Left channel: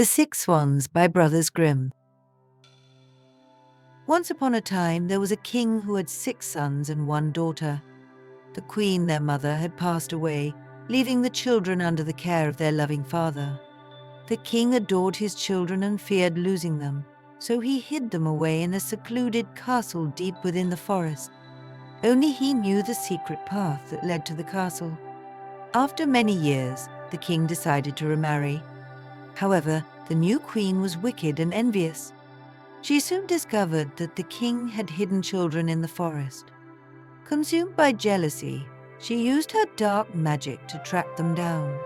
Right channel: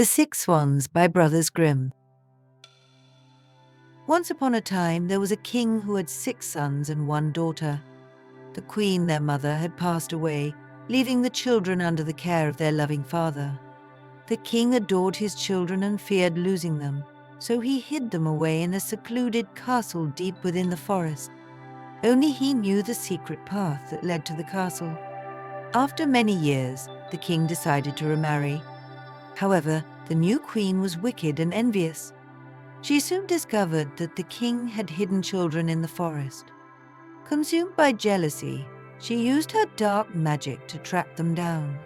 The Six Swans by Brothers Grimm. Once upon a time, there was a king who had 6 sons and 1 daughter. The queen, their mother, had passed away, leaving the children under the care of their loving father. The king adored his children and feared losing them, so he hid them away in a secluded castle deep within the forest. Only he knew the secret path that led to the castle. After many years, the king decided to remarry. However, the new queen was wicked and envious. She soon discovered that the king had hidden children in the forest. Consumed by jealousy, she used her dark magic to track them down.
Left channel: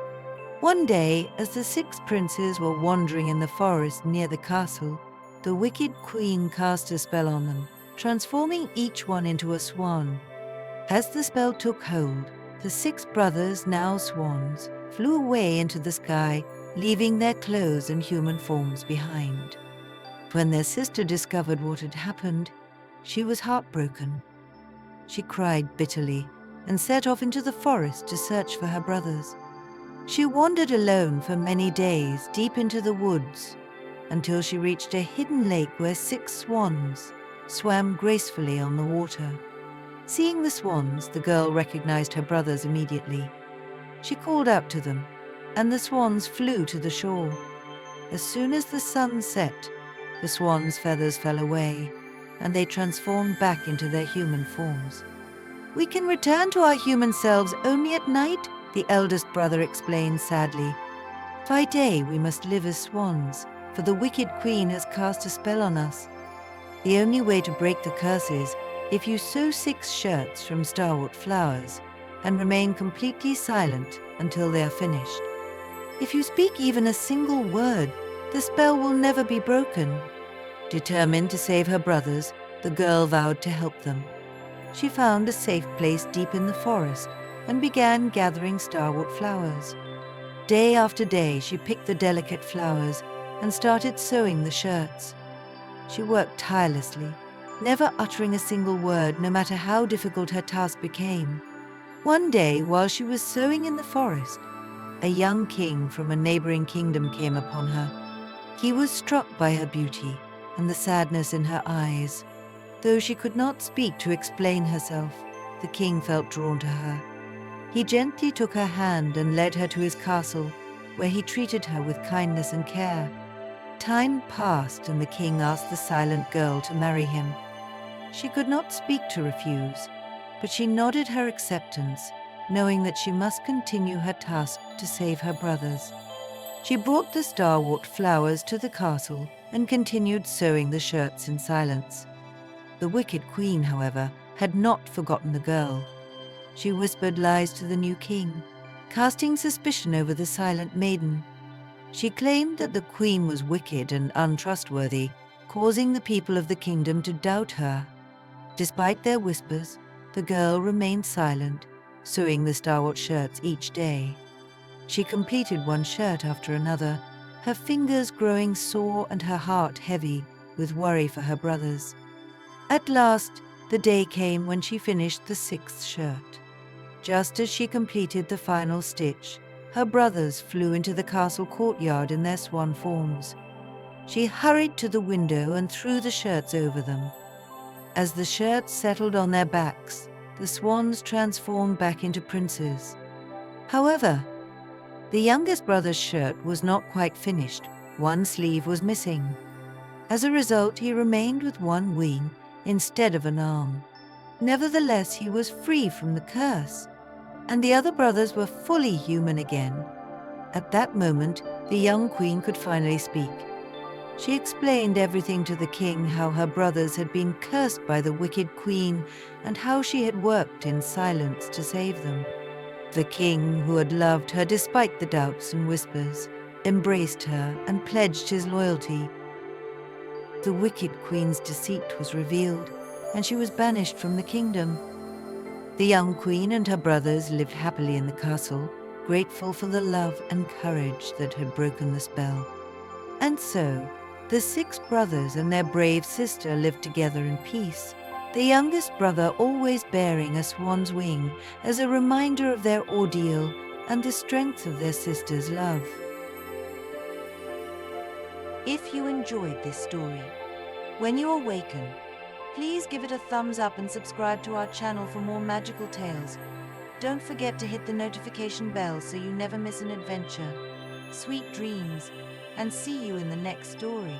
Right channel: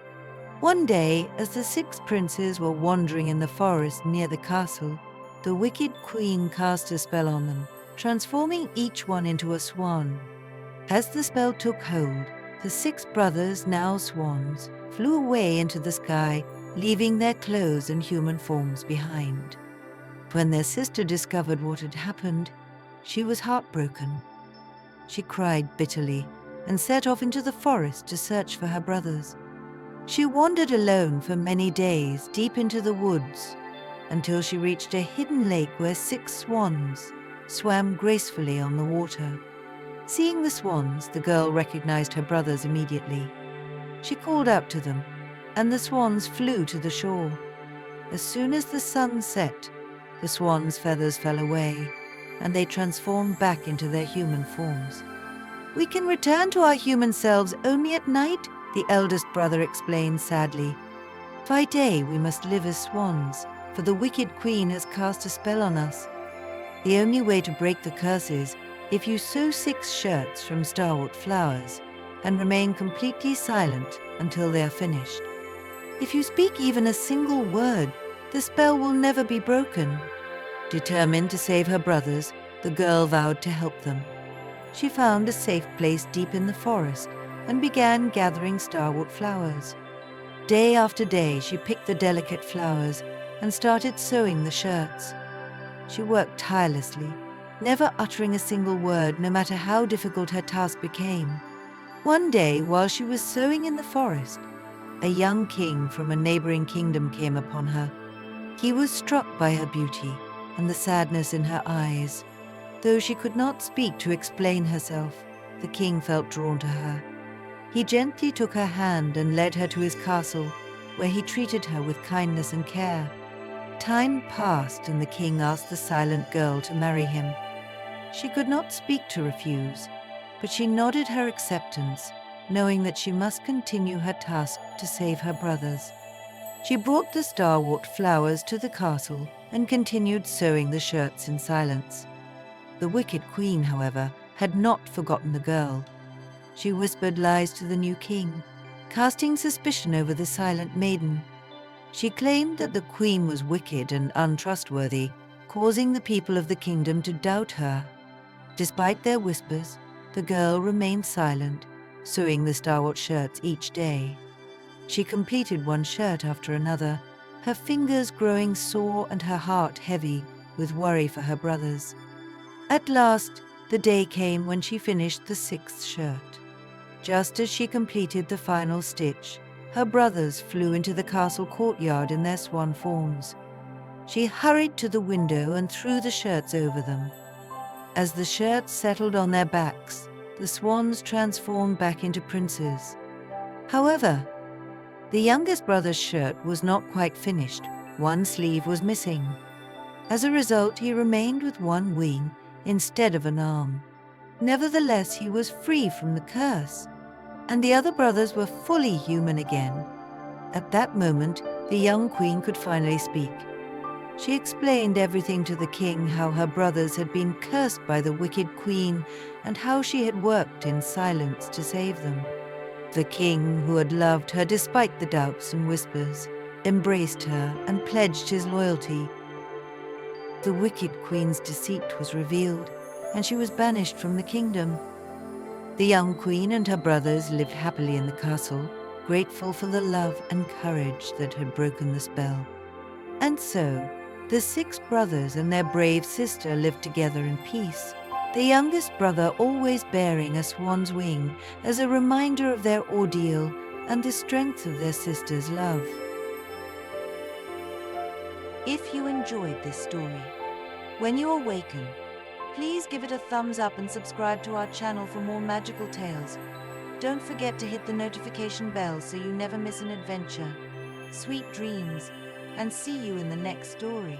One day, as the 6 princes were wandering in the forest near the castle, the wicked queen cast a spell on them, transforming each one into a swan. As the spell took hold, the 6 brothers, now swans, flew away into the sky, leaving their clothes and human forms behind. When their sister discovered what had happened, she was heartbroken. She cried bitterly and set off into the forest to search for her brothers. She wandered alone for many days deep into the woods until she reached a hidden lake where 6 swans swam gracefully on the water. Seeing the swans, the girl recognized her brothers immediately. She called out to them, and the swans flew to the shore. As soon as the sun set, the swans' feathers fell away, and they transformed back into their human forms. "We can return to our human selves only at night," the eldest brother explained sadly. "By day we must live as swans, for the wicked queen has cast a spell on us. The only way to break the curse is if you sew 6 shirts from starwort flowers and remain completely silent until they are finished. If you speak even a single word, the spell will never be broken." Determined to save her brothers, the girl vowed to help them. She found a safe place deep in the forest and began gathering starwort flowers. Day after day, she picked the delicate flowers and started sewing the shirts. She worked tirelessly, never uttering a single word, no matter how difficult her task became. One day, while she was sewing in the forest, a young king from a neighboring kingdom came upon her. He was struck by her beauty and the sadness in her eyes. Though she could not speak to explain herself, the king felt drawn to her. He gently took her hand and led her to his castle, where he treated her with kindness and care. Time passed, and the king asked the silent girl to marry him. She could not speak to refuse, but she nodded her acceptance, knowing that she must continue her task to save her brothers. She brought the starwort flowers to the castle and continued sewing the shirts in silence. The wicked queen, however, had not forgotten the girl. She whispered lies to the new king, casting suspicion over the silent maiden. She claimed that the queen was wicked and untrustworthy, causing the people of the kingdom to doubt her. Despite their whispers, the girl remained silent, sewing the starwort shirts each day. She completed one shirt after another, her fingers growing sore and her heart heavy with worry for her brothers. At last, the day came when she finished the 6th shirt. Just as she completed the final stitch, her brothers flew into the castle courtyard in their swan forms. She hurried to the window and threw the shirts over them. As the shirts settled on their backs, the swans transformed back into princes. However, the youngest brother's shirt was not quite finished. One sleeve was missing. As a result, he remained with one wing instead of an arm. Nevertheless, he was free from the curse, and the other brothers were fully human again. At that moment, the young queen could finally speak. She explained everything to the king, how her brothers had been cursed by the wicked queen and how she had worked in silence to save them. The king, who had loved her despite the doubts and whispers, embraced her and pledged his loyalty. The wicked queen's deceit was revealed, and she was banished from the kingdom. The young queen and her brothers lived happily in the castle, grateful for the love and courage that had broken the spell. And so, the 6 brothers and their brave sister lived together in peace, the youngest brother always bearing a swan's wing as a reminder of their ordeal and the strength of their sister's love. If you enjoyed this story, when you awaken, please give it a thumbs up and subscribe to our channel for more magical tales. Don't forget to hit the notification bell so you never miss an adventure. Sweet dreams, and see you in the next story.